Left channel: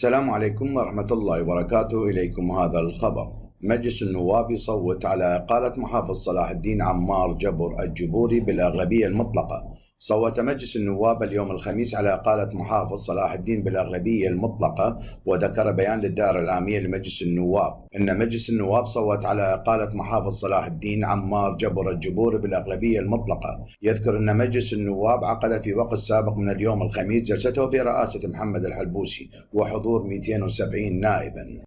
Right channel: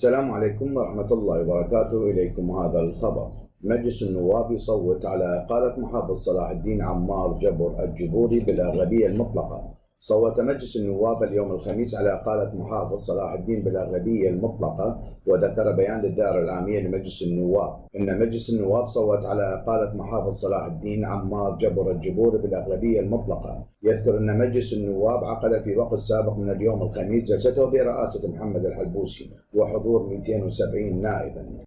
السلام عليكم ورحمة الله وبركاته. إليكم هذا الخبر. مجلس النواب يصوت على إقالة محافظ صلاح الدين عمار جبر الجبوري بالأغلبية المطلقة. صوت مجلس النواب اليوم الخميس على إقالة محافظ صلاح الدين بالأغلبية المطلقة. وذكر بيان للدائرة العامية لمجلس النواب أن مجلس النواب صوت على إقالة محافظ صلاح الدين عمار جبر الجبوري بالأغلبية المطلقة. يذكر أن مجلس النواب عقد في وقت سابق من اليوم الخميس جلسته برئاسة محمد الحلبوسي وحضور 270 نائبا.